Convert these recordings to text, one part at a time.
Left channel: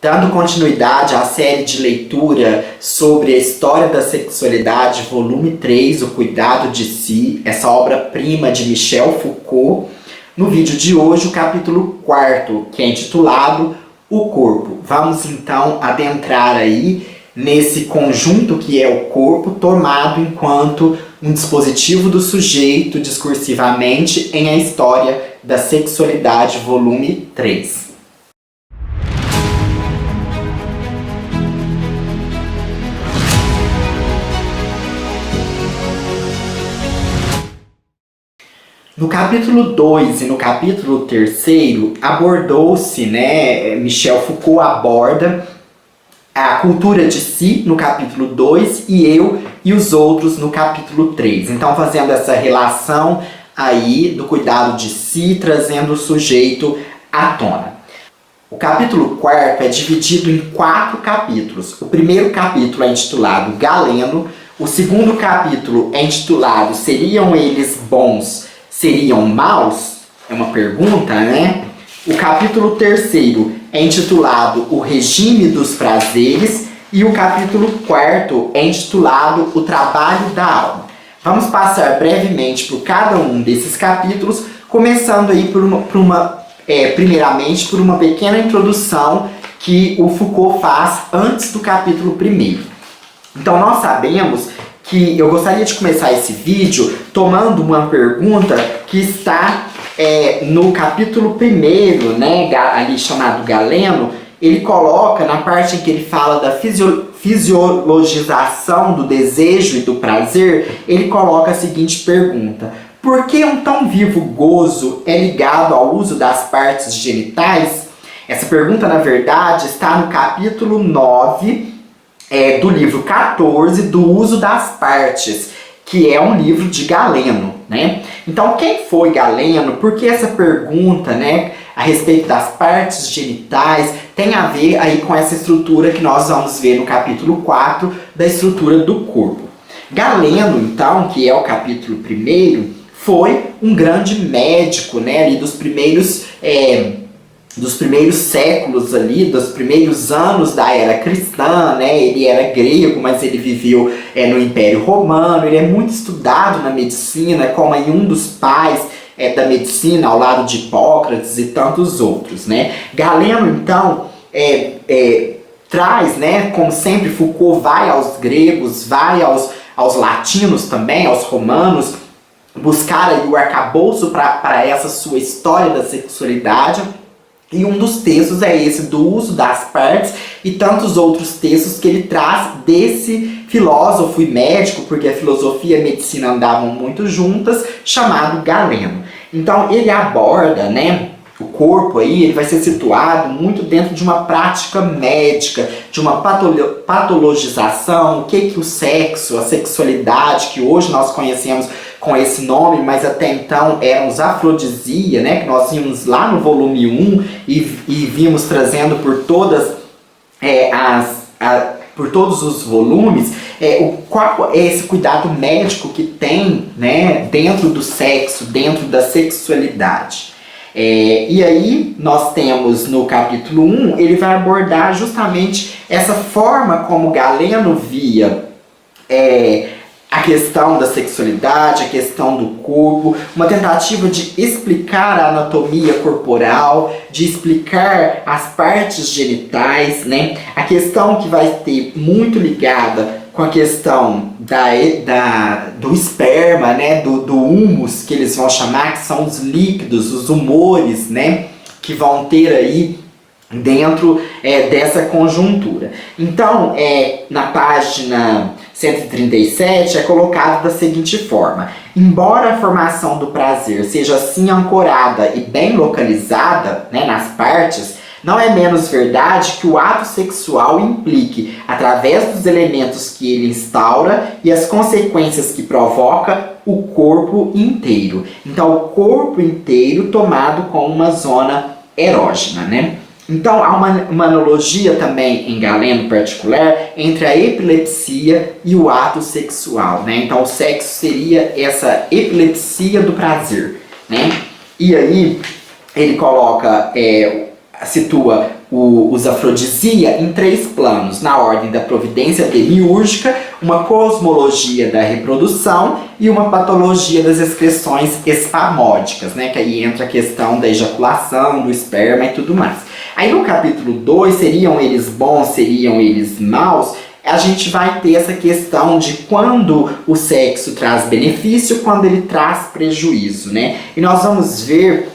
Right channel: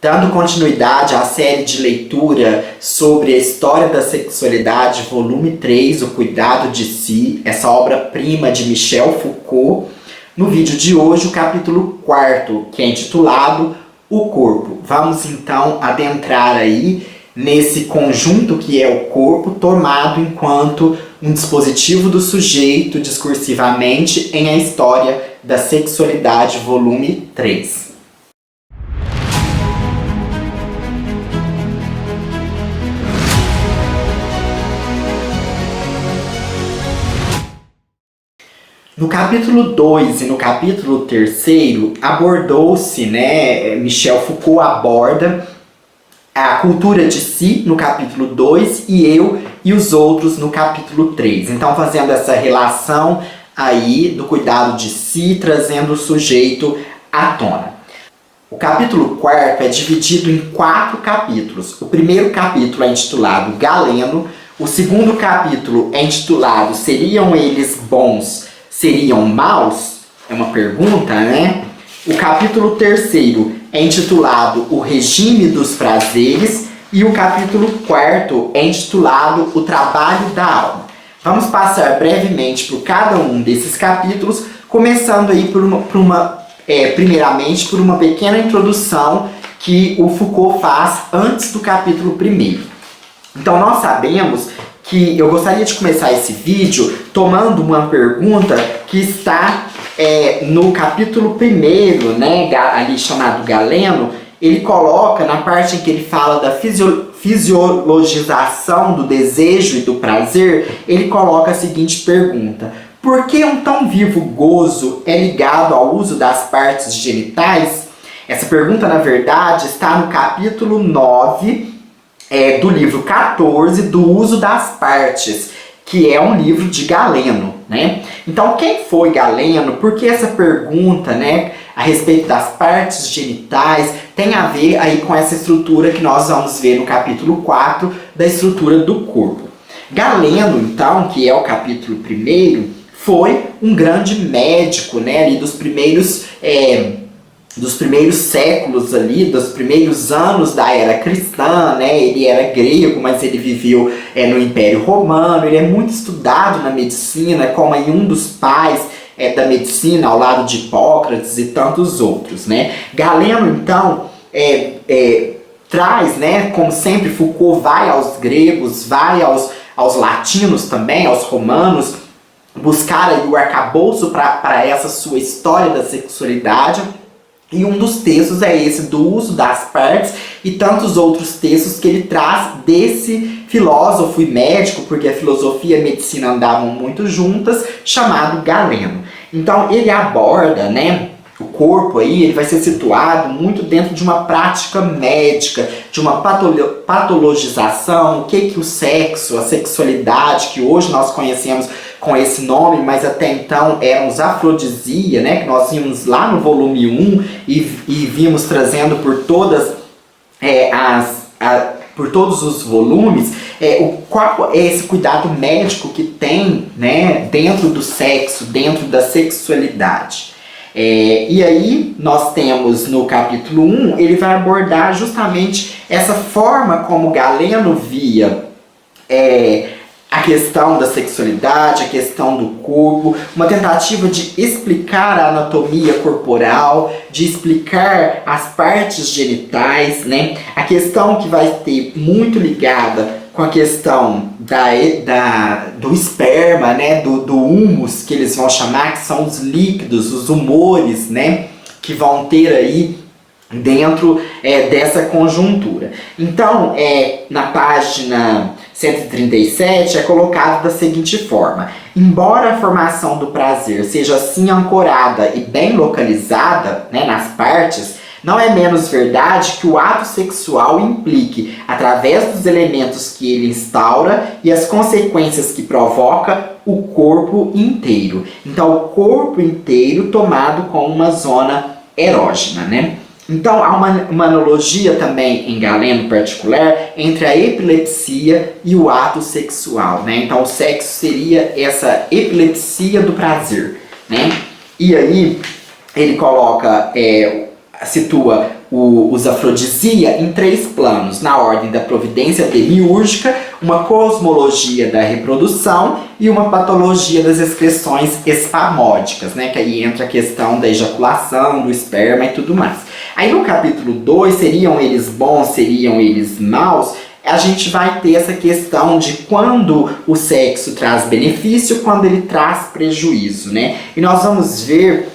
Dando continuidade à série de leitura sobre a história da sexualidade, volume 3, O Cuidado de Si, essa obra-prima de Michel Foucault, no vídeo de hoje o capítulo 4, que é intitulado O Corpo. Vamos então adentrar aí nesse conjunto que é o corpo, tomado enquanto um dispositivo do sujeito discursivamente em A História da Sexualidade, volume 3. No capítulo 2 e no capítulo 3 abordou-se, Michel Foucault aborda a cultura de si no capítulo 2 e eu e os outros no capítulo 3. Então fazendo essa relação aí do cuidado de si, trazendo o sujeito à tona. O capítulo 4 é dividido em 4 capítulos. O primeiro capítulo é intitulado Galeno, o segundo capítulo é intitulado Seriam Eles Bons? Seriam maus? É uma pergunta, né? O capítulo 3 é intitulado O Regime dos Prazeres e o capítulo 4 é intitulado O Trabalho da Alma. Vamos passar brevemente por cada um desses capítulos, começando aí primeiramente por uma pequena introdução que o Foucault faz antes do capítulo 1. Então nós sabemos que eu gostaria de começar esse vídeo tomando uma pergunta que está no capítulo 1, ali chamado Galeno. Ele coloca, na parte em que ele fala da fisiologização do desejo e do prazer, ele coloca a seguinte pergunta: por que um tão vivo gozo é ligado ao uso das partes genitais? Essa pergunta, na verdade, está no capítulo 9, do livro 14, do uso das partes, que é um livro de Galeno, né? Então, quem foi Galeno? Por que essa pergunta, a respeito das partes genitais tem a ver aí com essa estrutura que nós vamos ver no capítulo 4, da estrutura do corpo. Galeno, então, que é o capítulo 1, foi um grande médico, ali dos primeiros séculos ali, dos primeiros anos da era cristã, Ele era grego, mas ele viveu no Império Romano. Ele é muito estudado na medicina, como aí um dos pais da medicina, ao lado de Hipócrates e tantos outros, Galeno, então, traz, como sempre, Foucault vai aos gregos, vai aos latinos também, aos romanos, buscar aí o arcabouço para essa sua história da sexualidade. E um dos textos é esse do uso das partes e tantos outros textos que ele traz desse filósofo e médico, porque a filosofia e a medicina andavam muito juntas, chamado Galeno. Então ele aborda, o corpo aí, ele vai ser situado muito dentro de uma prática médica, de uma patologização, o que o sexo, a sexualidade, que hoje nós conhecemos com esse nome, mas até então éramos afrodisia, que nós vimos lá no volume 1 e vimos trazendo por todas por todos os volumes, qual é esse cuidado médico que tem, dentro do sexo, dentro da sexualidade. E aí nós temos no capítulo 1, ele vai abordar justamente essa forma como Galeno via a questão da sexualidade, a questão do corpo, uma tentativa de explicar a anatomia corporal, de explicar as partes genitais, a questão que vai ter muito ligada com a questão do esperma, do humus, que eles vão chamar, que são os líquidos, os humores, que vão ter aí dentro dessa conjuntura. Então, na página 137 é colocado da seguinte forma: embora a formação do prazer seja assim ancorada e bem localizada, nas partes, não é menos verdade que o ato sexual implique, através dos elementos que ele instaura e as consequências que provoca, o corpo inteiro. Então, o corpo inteiro tomado como uma zona erógena, Então, há uma analogia também em Galeno em particular entre a epilepsia e o ato sexual, Então, o sexo seria essa epilepsia do prazer, E aí, ele coloca, situa os afrodisia em 3 planos, na ordem da providência demiúrgica, uma cosmologia da reprodução e uma patologia das excreções espamódicas, né? Que aí entra a questão da ejaculação, do esperma e tudo mais. Aí no capítulo 2, seriam eles bons, seriam eles maus? A gente vai ter essa questão de quando o sexo traz benefício, quando ele traz prejuízo, né? E nós vamos ver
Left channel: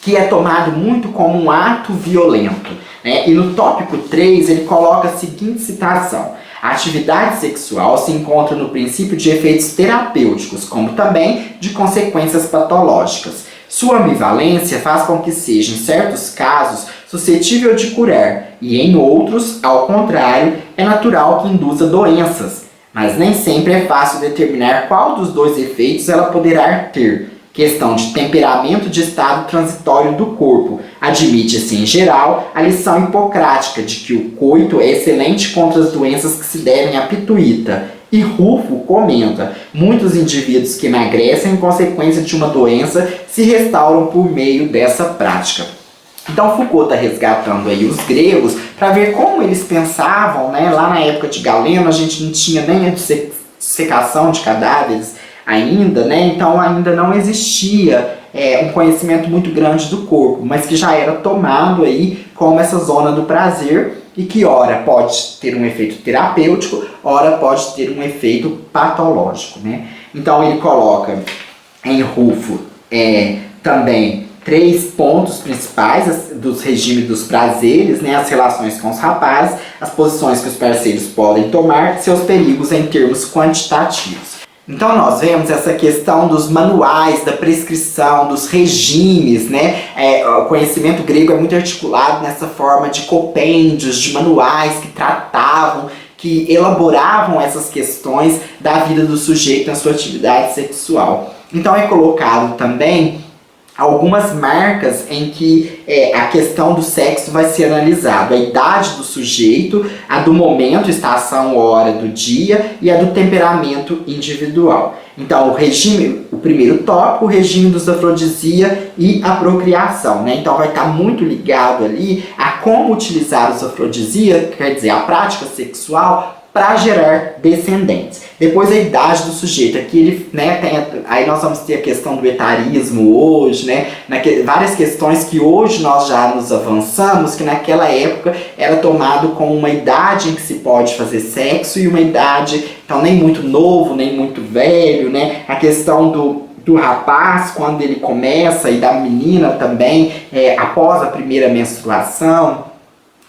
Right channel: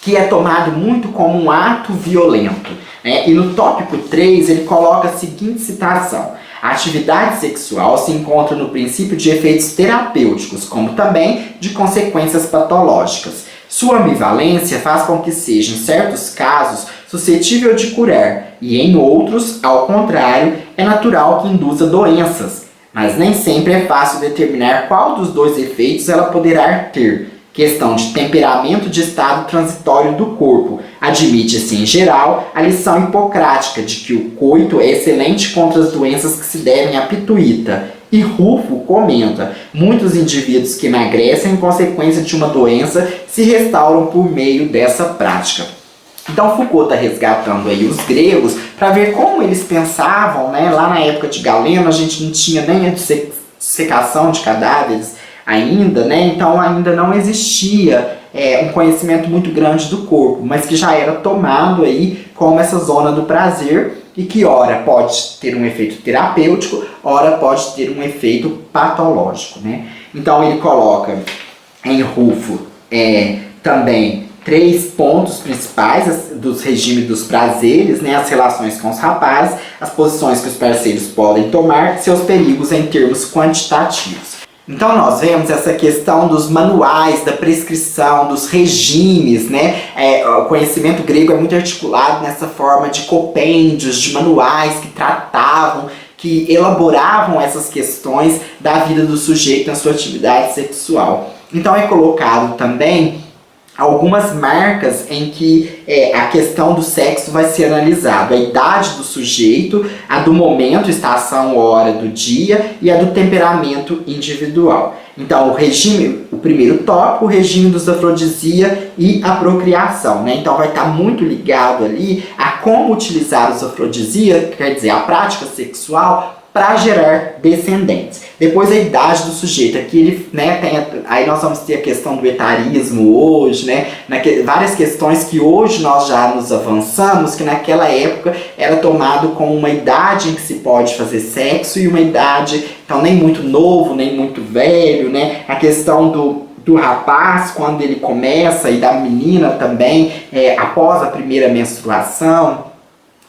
que é tomado muito como um ato violento, né? E no tópico 3 ele coloca a seguinte citação: a atividade sexual se encontra no princípio de efeitos terapêuticos, como também de consequências patológicas. Sua ambivalência faz com que seja, em certos casos, suscetível de curar, e em outros, ao contrário, é natural que induza doenças. Mas nem sempre é fácil determinar qual dos 2 efeitos ela poderá ter. Questão de temperamento de estado transitório do corpo. Admite-se, em geral, a lição hipocrática de que o coito é excelente contra as doenças que se devem à pituita. E Rufo comenta: muitos indivíduos que emagrecem em consequência de uma doença se restauram por meio dessa prática. Então Foucault está resgatando aí os gregos para ver como eles pensavam, né? Lá na época de Galeno a gente não tinha nem a dissecação de cadáveres ainda, né? Então ainda não existia um conhecimento muito grande do corpo, mas que já era tomado aí como essa zona do prazer e que ora pode ter um efeito terapêutico, ora pode ter um efeito patológico, né? Então ele coloca em Rufo também 3 pontos principais dos regimes dos prazeres, né? As relações com os rapazes, as posições que os parceiros podem tomar, seus perigos em termos quantitativos. Então nós vemos essa questão dos manuais, da prescrição, dos regimes, né? O conhecimento grego é muito articulado nessa forma de compêndios, de manuais que tratavam, que elaboravam essas questões da vida do sujeito na sua atividade sexual. Então é colocado também algumas marcas em que a questão do sexo vai ser analisado. A idade do sujeito, a do momento, estação, hora do dia e a do temperamento individual. Então, o primeiro tópico, o regime dos afrodisia e a procriação, né? Então vai estar muito ligado ali a como utilizar os afrodisia, quer dizer, a prática sexual, para gerar descendentes. Depois a idade do sujeito, aqui ele, né, aí nós vamos ter a questão do etarismo hoje, né, várias questões que hoje nós já nos avançamos, que naquela época era tomado como uma idade em que se pode fazer sexo e uma idade, então nem muito novo, nem muito velho, né, a questão do rapaz quando ele começa e da menina também, após a primeira menstruação,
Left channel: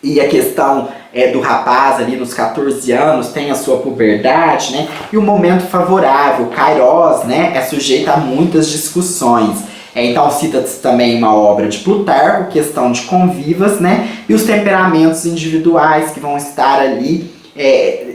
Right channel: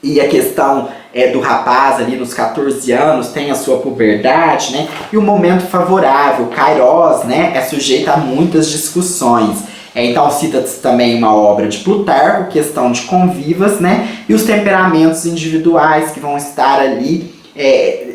e a questão do rapaz ali nos 14 anos tem a sua puberdade, né? E o momento favorável, Kairos, né? É sujeito a muitas discussões. Então cita-se também uma obra de Plutarco, questão de convivas, né? E os temperamentos individuais que vão estar ali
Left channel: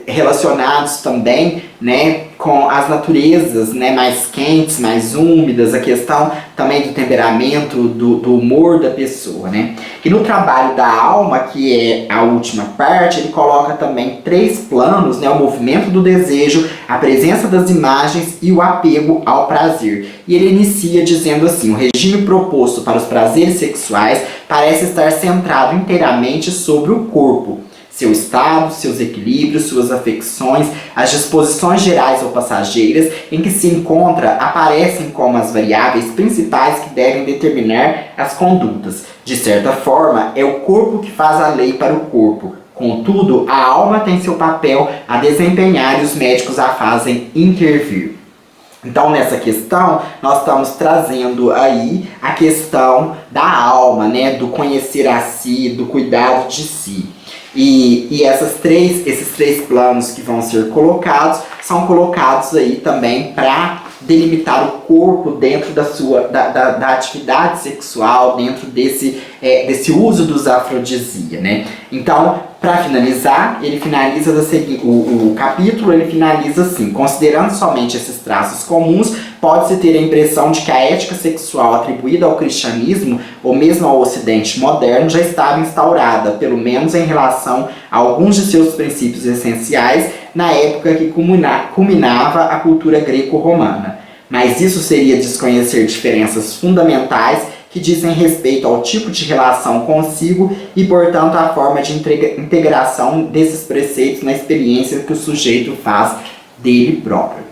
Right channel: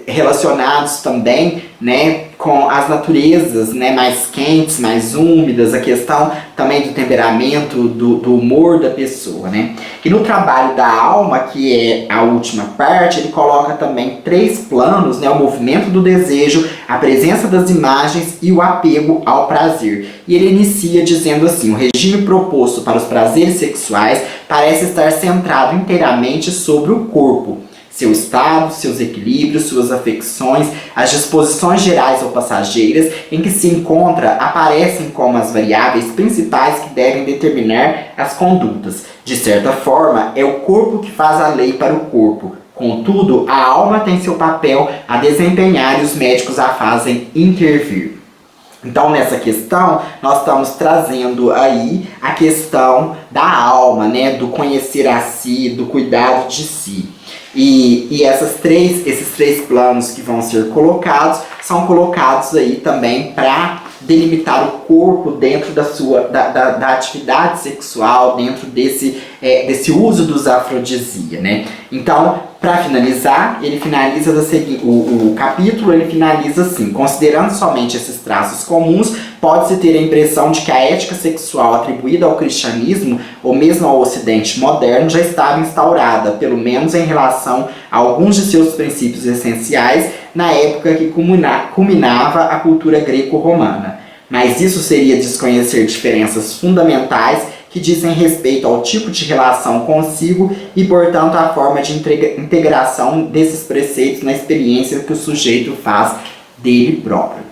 relacionados também, né, com as naturezas, né, mais quentes, mais úmidas, a questão também do temperamento, do humor da pessoa, né. E no trabalho da alma, que é a última parte, ele coloca também 3 planos, né, o movimento do desejo, a presença das imagens e o apego ao prazer. E ele inicia dizendo assim: o regime proposto para os prazeres sexuais parece estar centrado inteiramente sobre o corpo, seu estado, seus equilíbrios, suas afecções, as disposições gerais ou passageiras em que se encontra aparecem como as variáveis principais que devem determinar as condutas. De certa forma, é o corpo que faz a lei para o corpo. Contudo, a alma tem seu papel a desempenhar e os médicos a fazem intervir. Então, nessa questão, nós estamos trazendo aí a questão da alma, né? Do conhecer a si, do cuidado de si. E esses três planos que vão ser colocados, são colocados aí também para delimitar o corpo dentro da atividade sexual, dentro desse uso dos afrodisia, né? Então, para finalizar, ele finaliza o capítulo, ele finaliza assim: considerando somente esses traços comuns, pode-se ter a impressão de que a ética sexual atribuída ao cristianismo, ou mesmo ao ocidente moderno, já estava instaurada, pelo menos em relação a alguns de seus princípios essenciais, na época que culminava a cultura greco-romana. Mas isso seria desconhecer diferenças fundamentais que dizem respeito ao tipo de relação consigo e, portanto, à forma de integração desses preceitos na experiência que o sujeito faz dele próprio.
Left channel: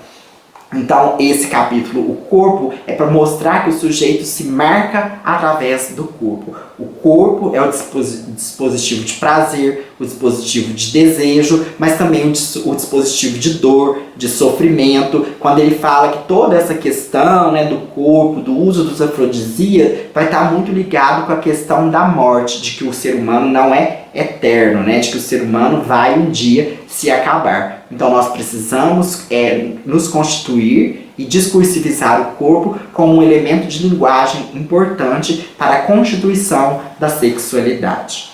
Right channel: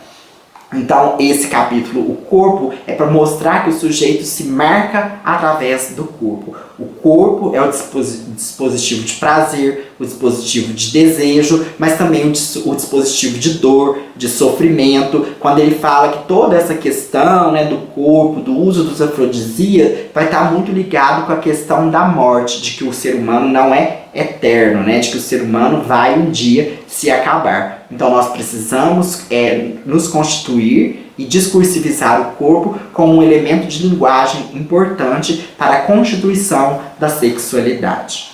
Então, esse capítulo, o corpo, é para mostrar que o sujeito se marca através do corpo. O corpo é o dispositivo de prazer, o dispositivo de desejo, mas também o dispositivo de dor, de sofrimento. Quando ele fala que toda essa questão, né, do corpo, do uso dos afrodisíacos, vai estar muito ligado com a questão da morte, de que o ser humano não é eterno, né, de que o ser humano vai um dia se acabar. Então nós precisamos nos constituir e discursivizar o corpo como um elemento de linguagem importante para a constituição da sexualidade.